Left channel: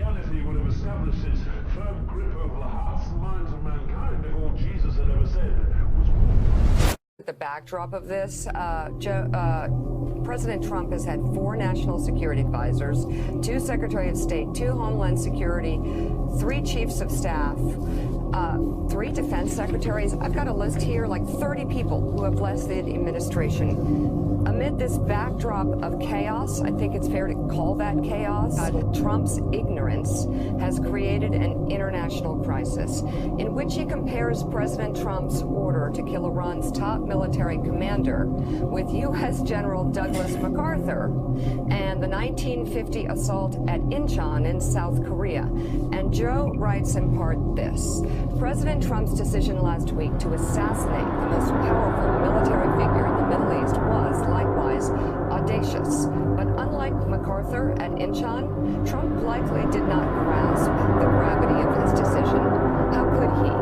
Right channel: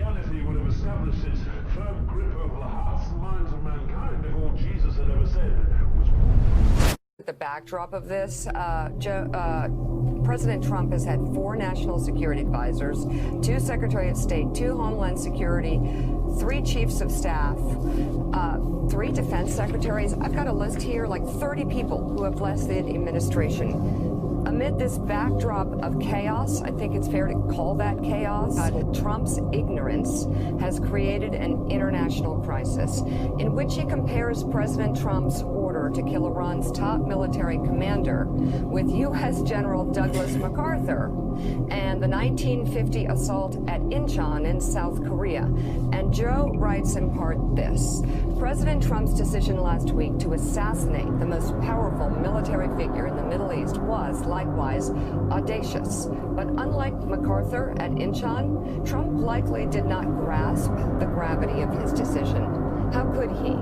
Christianity would have established its firm grip over the hearts and minds of mankind if all Jesus had ever said was whoop. The backdrop of this, President Trump has had 4 national security advisors, 2 Secretary of State, 2 Homeland Security, 3 chiefs of staff, 3 defense secretaries. I've got a list here, like 30 people who have left the administration. Amid this backdrop of chaos, I think it's fair to call that chaos, Trump's ignorance has created an international crisis in which he compares President Trump's order to kill Iran's top military commander with U.S. General Douglas MacArthur and the 1950 assault at Incheon in South Korea. And Joe writes in part this: President Trump's decision last week to assassinate the most powerful military figure in the Middle East was likewise audacious. But unlike MacArthur at Incheon, Trump likely did not grasp the gravity of his decision. How could he?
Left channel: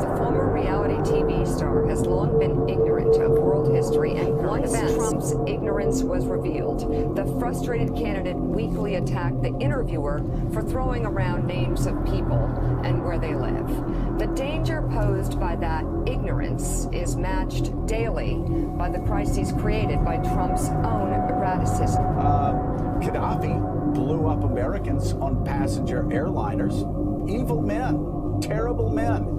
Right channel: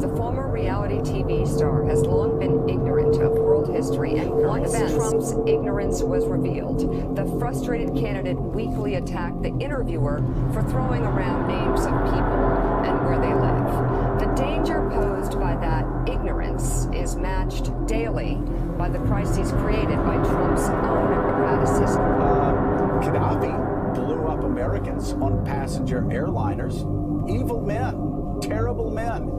The former reality TV star has long been ignorant of world history and current events. Once Trump's ignorance was revealed, the frustrated candidate weakly attacked the interviewer for throwing around names of people and where they live. The danger posed by that ignorance is matched daily by the crises created by Trump's own erraticism. Gaddafi blew up Americans on passenger airliners. Evil men, terrible men.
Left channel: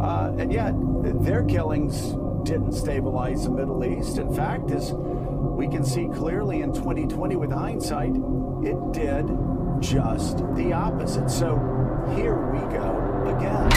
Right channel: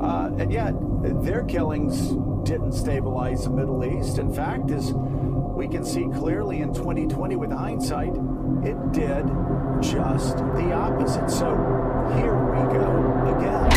And yet, their killings didn't stabilize the Middle East. In fact, as we can see clearly in 2020 with hindsight, it did just the opposite. So here we go again.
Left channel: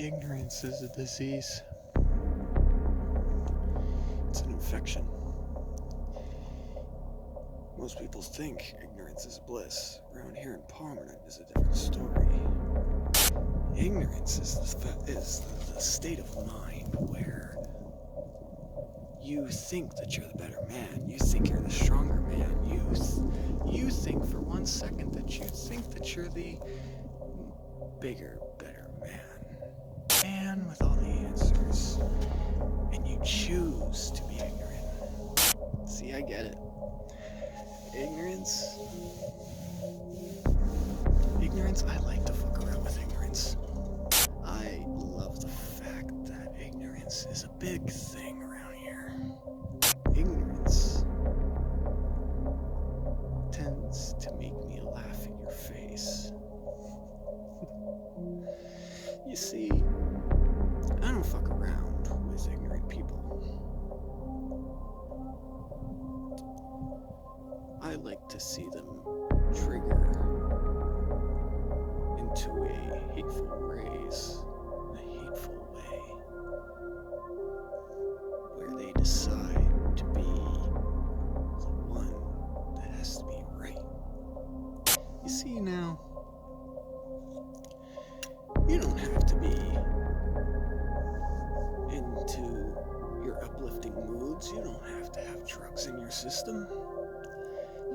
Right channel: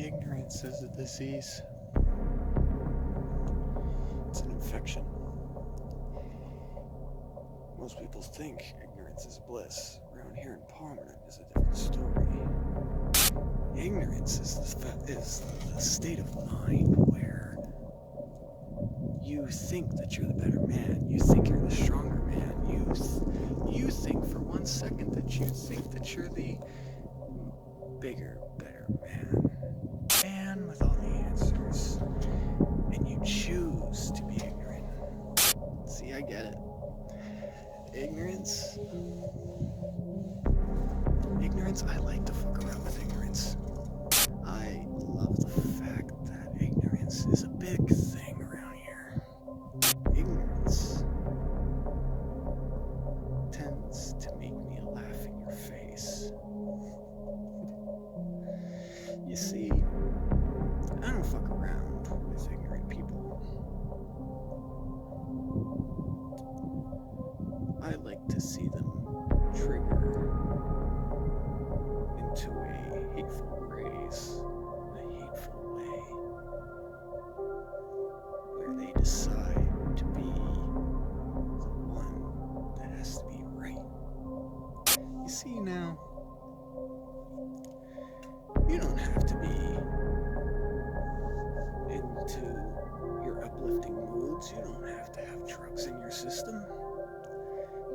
Ignorance is a disease. It's an infection. Most people think ignorance is bliss. Around here in Palmerton is a different story. Ignorance is the state of mind where you think that you're the better man. You think you're the stronger man. You think for 1 second that you think that you're the bigger, better man. Man with all the answers, and you choose to be ignorant. See, I get it. Ignorance, I like to fuck around with ignorance. I love the fact that ignorance is a big thing around here. Ignorance tends to make me laugh in your face. You see, I don't fuck around with ignorant people. I like to see them trigger into a hateful raise, in a hateful way, where they decide to be the one that has to be right. You see now, you don't have to be into your uplifting moods. You don't have to have drugs in your system.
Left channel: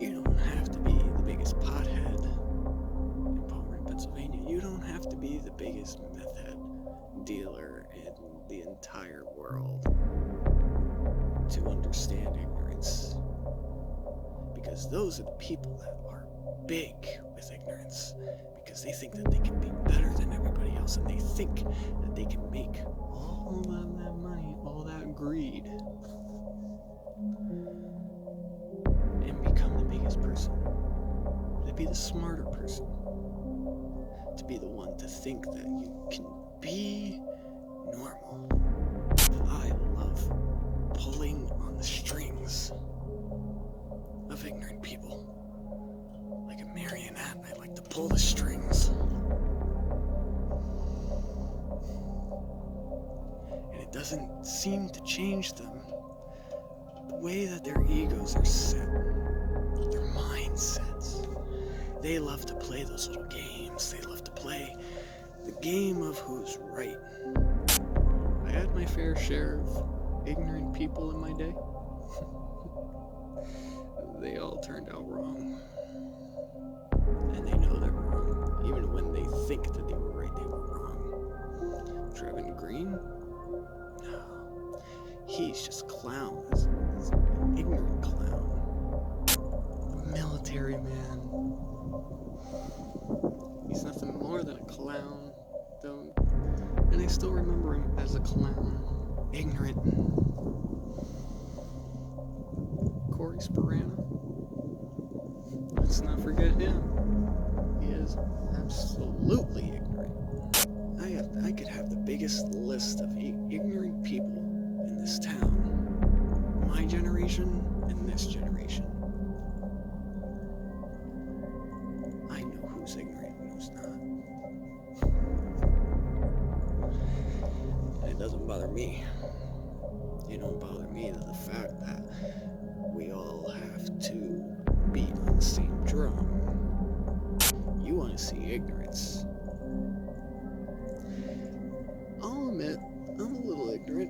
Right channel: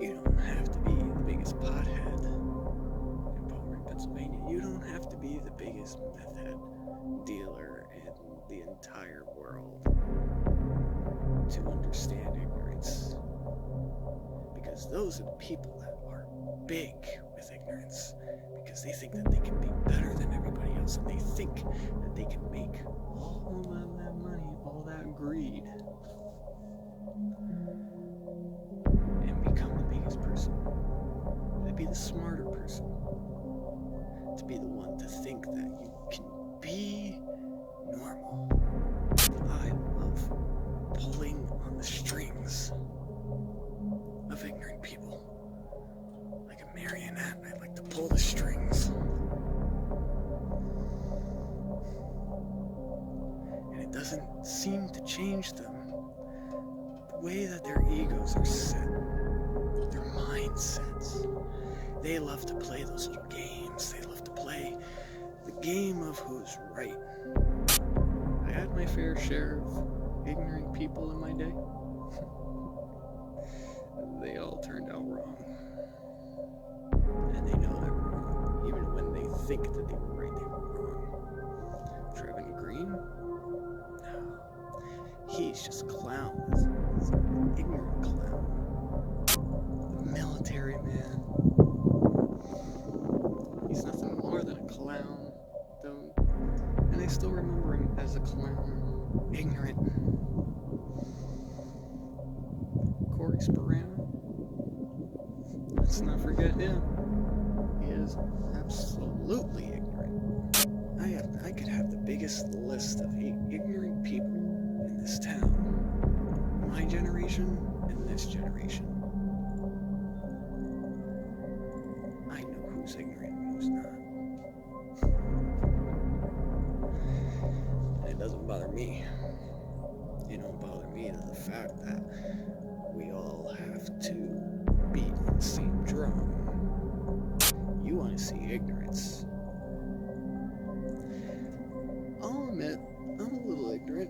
You don't have to be the biggest pothead in Palmerton, Pennsylvania. You don't have to be the biggest meth head dealer in the entire world to understand ignorance. Because those are the people that are big with ignorance. Because they think that they can be better than everybody else, and they think that they can make all that money, all that greed, and become the biggest person, to be the smarter person, to be the one to think that you can be normal. I love pulling on the strings of ignorant people. Like a marionette, I like to pull the strings. And it doesn't seem to change them. The way that their egos are set, their mindsets, They love to play those little games. They love to play the game of who's right. I had my fair share of ignorant people in my day. They all turned out wrong. And they know they're wrong. Even when they think that they were right, they were wrong. Trevin Green? No. He's just a clown. He's an ignorant clown. A military man. He's nothing more than a clown, though. And I still remember him as a clown. Ignorant. Corey Sperano. Let's not forget him. He is absolutely ignorant. I could have the biggest list of ignorant people in this town. My generation and this generation. I know who's ignorant and who's not. And it doesn't bother me. It don't bother me the fact that we all have to beat on the same drum. You want to see ignorance. I'll admit, I'm a little ignorant.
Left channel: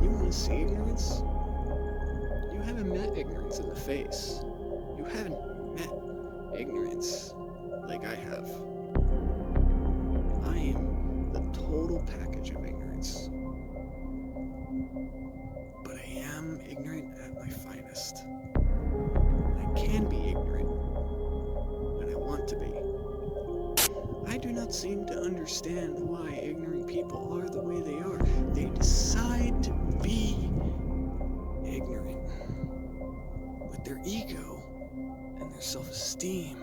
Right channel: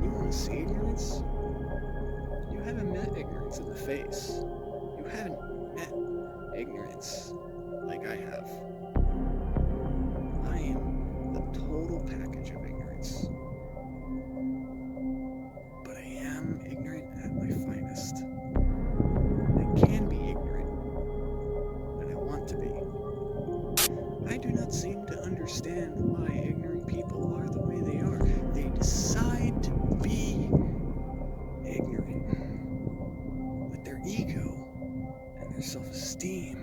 You want to see ignorance? You haven't met ignorance in the face. You haven't met ignorance like I have. I am the total package of ignorance. But I am ignorant at my finest. I can be ignorant when I want to be. I do not seem to understand why ignorant people are the way they are. They decide to be ignorant with their ego and their self-esteem,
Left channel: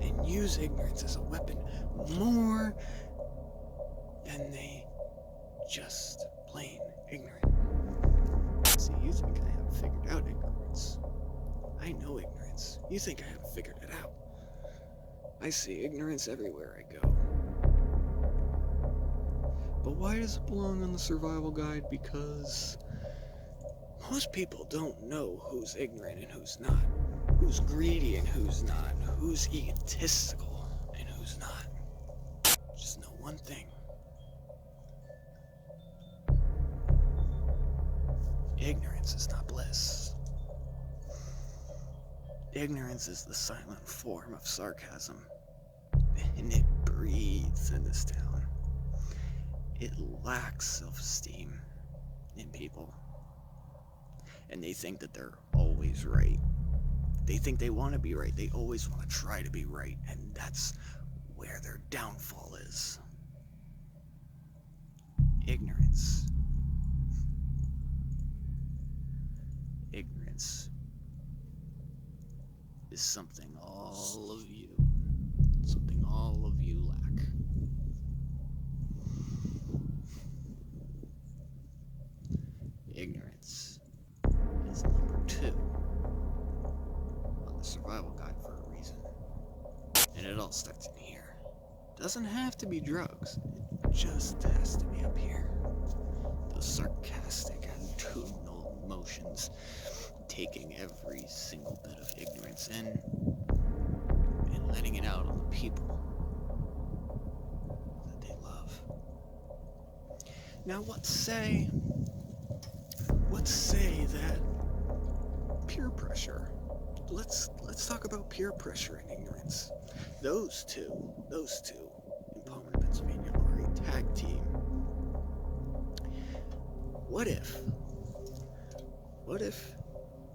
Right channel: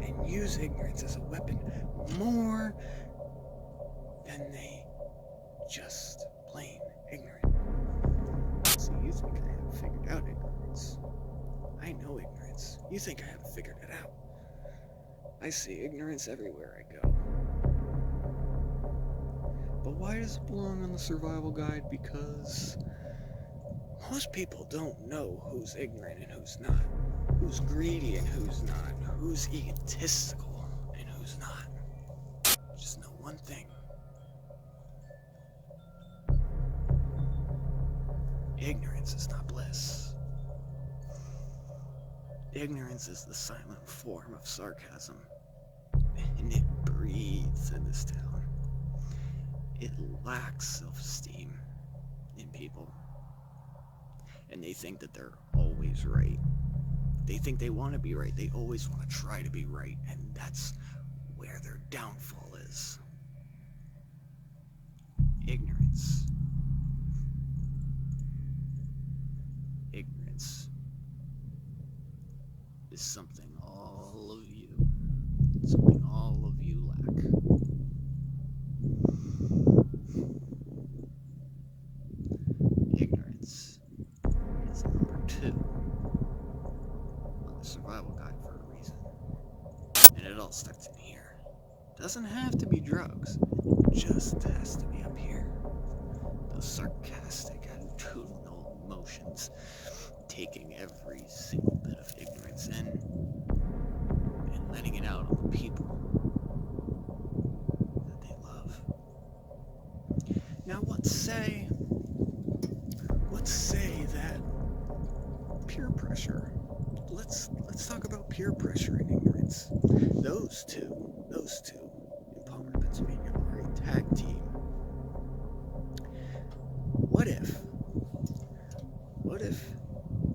and use ignorance as a weapon more than they just plain ignorant. See, you think I haven't figured out ignorance. I know ignorance. You think I haven't figured it out. I see ignorance everywhere I go. But why does it belong on the survival guide? Because most people don't know who's ignorant and who's not. Who's greedy and who's not. Who's egotistical and who's not. Just know one thing. Ignorance is not bliss. Ignorance is the silent form of sarcasm, and it breathes in this town. It lacks self-esteem in people, and they think that they're always right. They think they want to be right. They always want to try to be right, and that's where their downfall is. Ignorance. Ignorance is something all of you lack. Ignorance is number 2 on the survival guide for a reason. And it all starts in here. Doesn't have to be drugs, it just has to be up here. Those sarcastic, attitudinal emotions, taking every single bit of ignorance in and letting it out on the people that they love. Now, let's say that peer pressure. Let's talk about peer pressure and ignorance. Those two in Palmer, Pennsylvania are a tag team. What if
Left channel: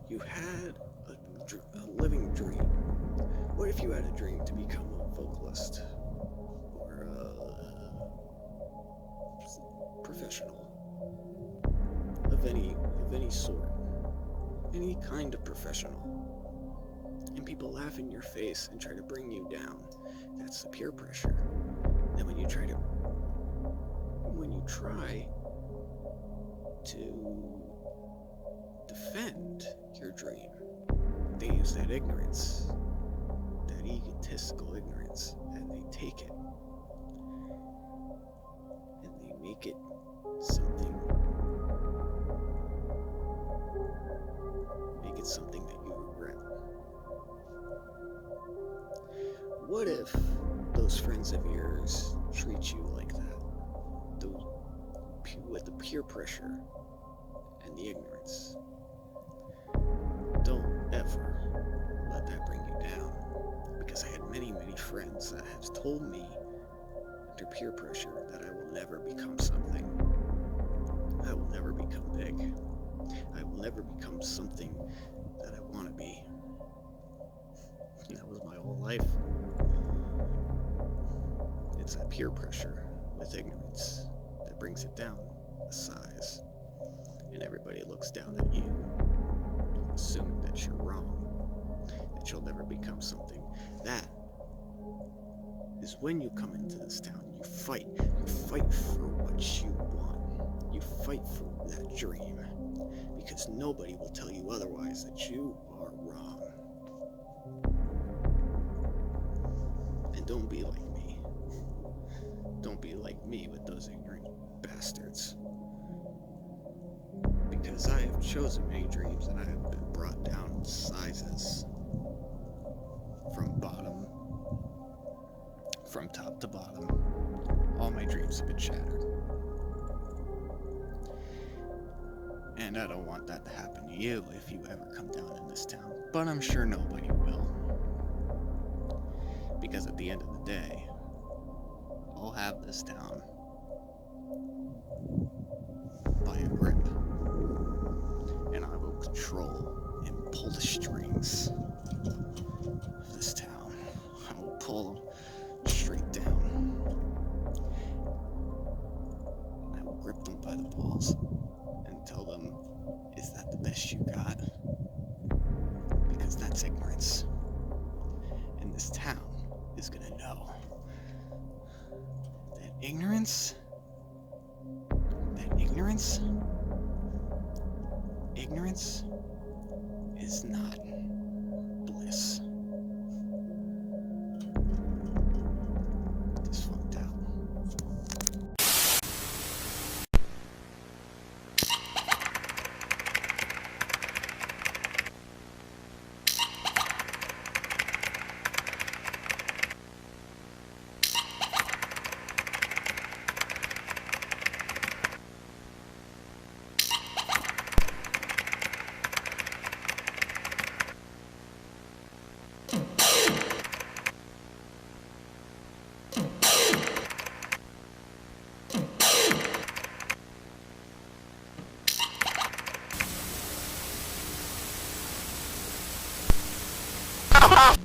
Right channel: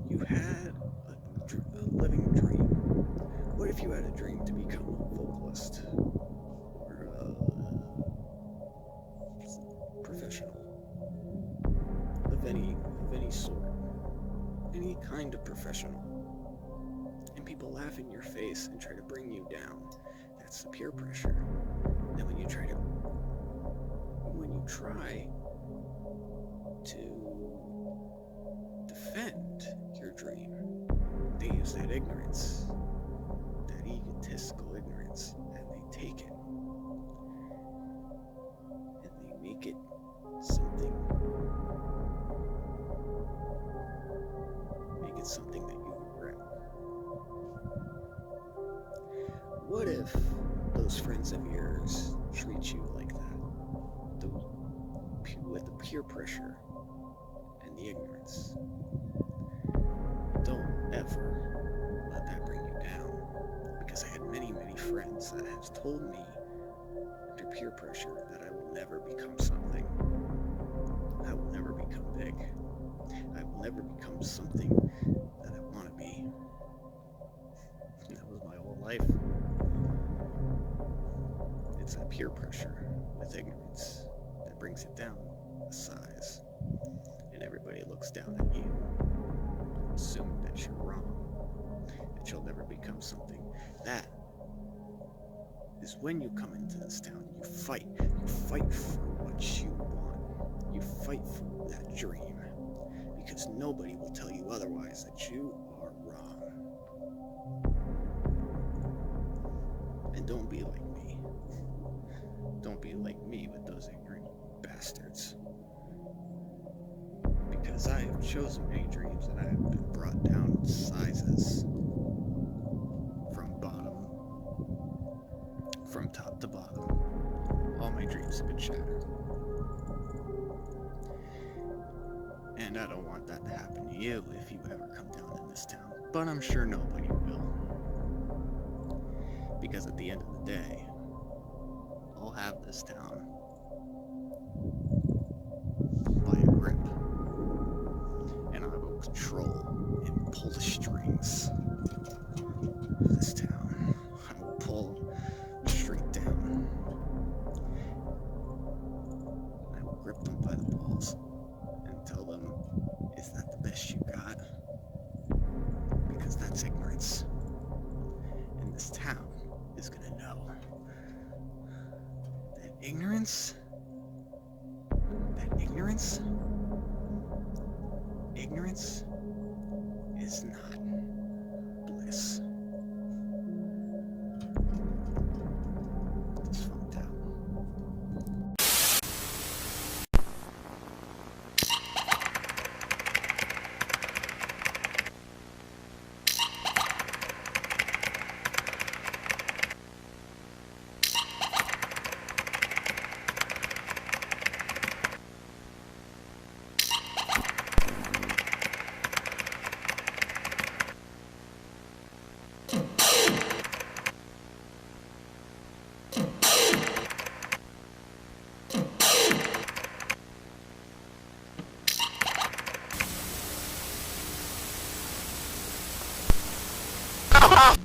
you had a living dream? What if you had a dream to become a vocalist or a professional of any sort, any kind of professional, and people laugh in your face and try to bring you down? That's the peer pressure. Then when you try to defend your dream, they use that ignorance, that egotistical ignorance, and they take it and they make it something that you regret. what if those friends of yours treat you like that? With the peer pressure and the ignorance. Don't ever let that bring you down. Because I had many, many friends that have told me under peer pressure that I will never become something. I will never become big. I will never become something that I want to be. And that was my whole life. It's that peer pressure with ignorance that brings it down a size. And everybody looks down at you, assuming that you're wrong, that you'll never become something. That is when you come into this town, you fight. You fight for what you want. You fight for that dream. Because nobody will tell you otherwise that you are wrong. And don't be like me. Don't be like me with those ignorant bastards. Because I have chosen many dreams and I have been brought down in sizes. From top to bottom. All my dreams have been shattered. And I don't want that to happen to you if you ever come down in this town. But I'm sure nobody will. Because at the end of the day, I'll have this town by a grip. And I will control and pull the strings of this town. I will pull them straight down. I will grip them by the balls and tell them, is that the best you got? Because that's ignorance. And this town is gonna know that ignorance is not bliss. Dysfunct out. Ha ha!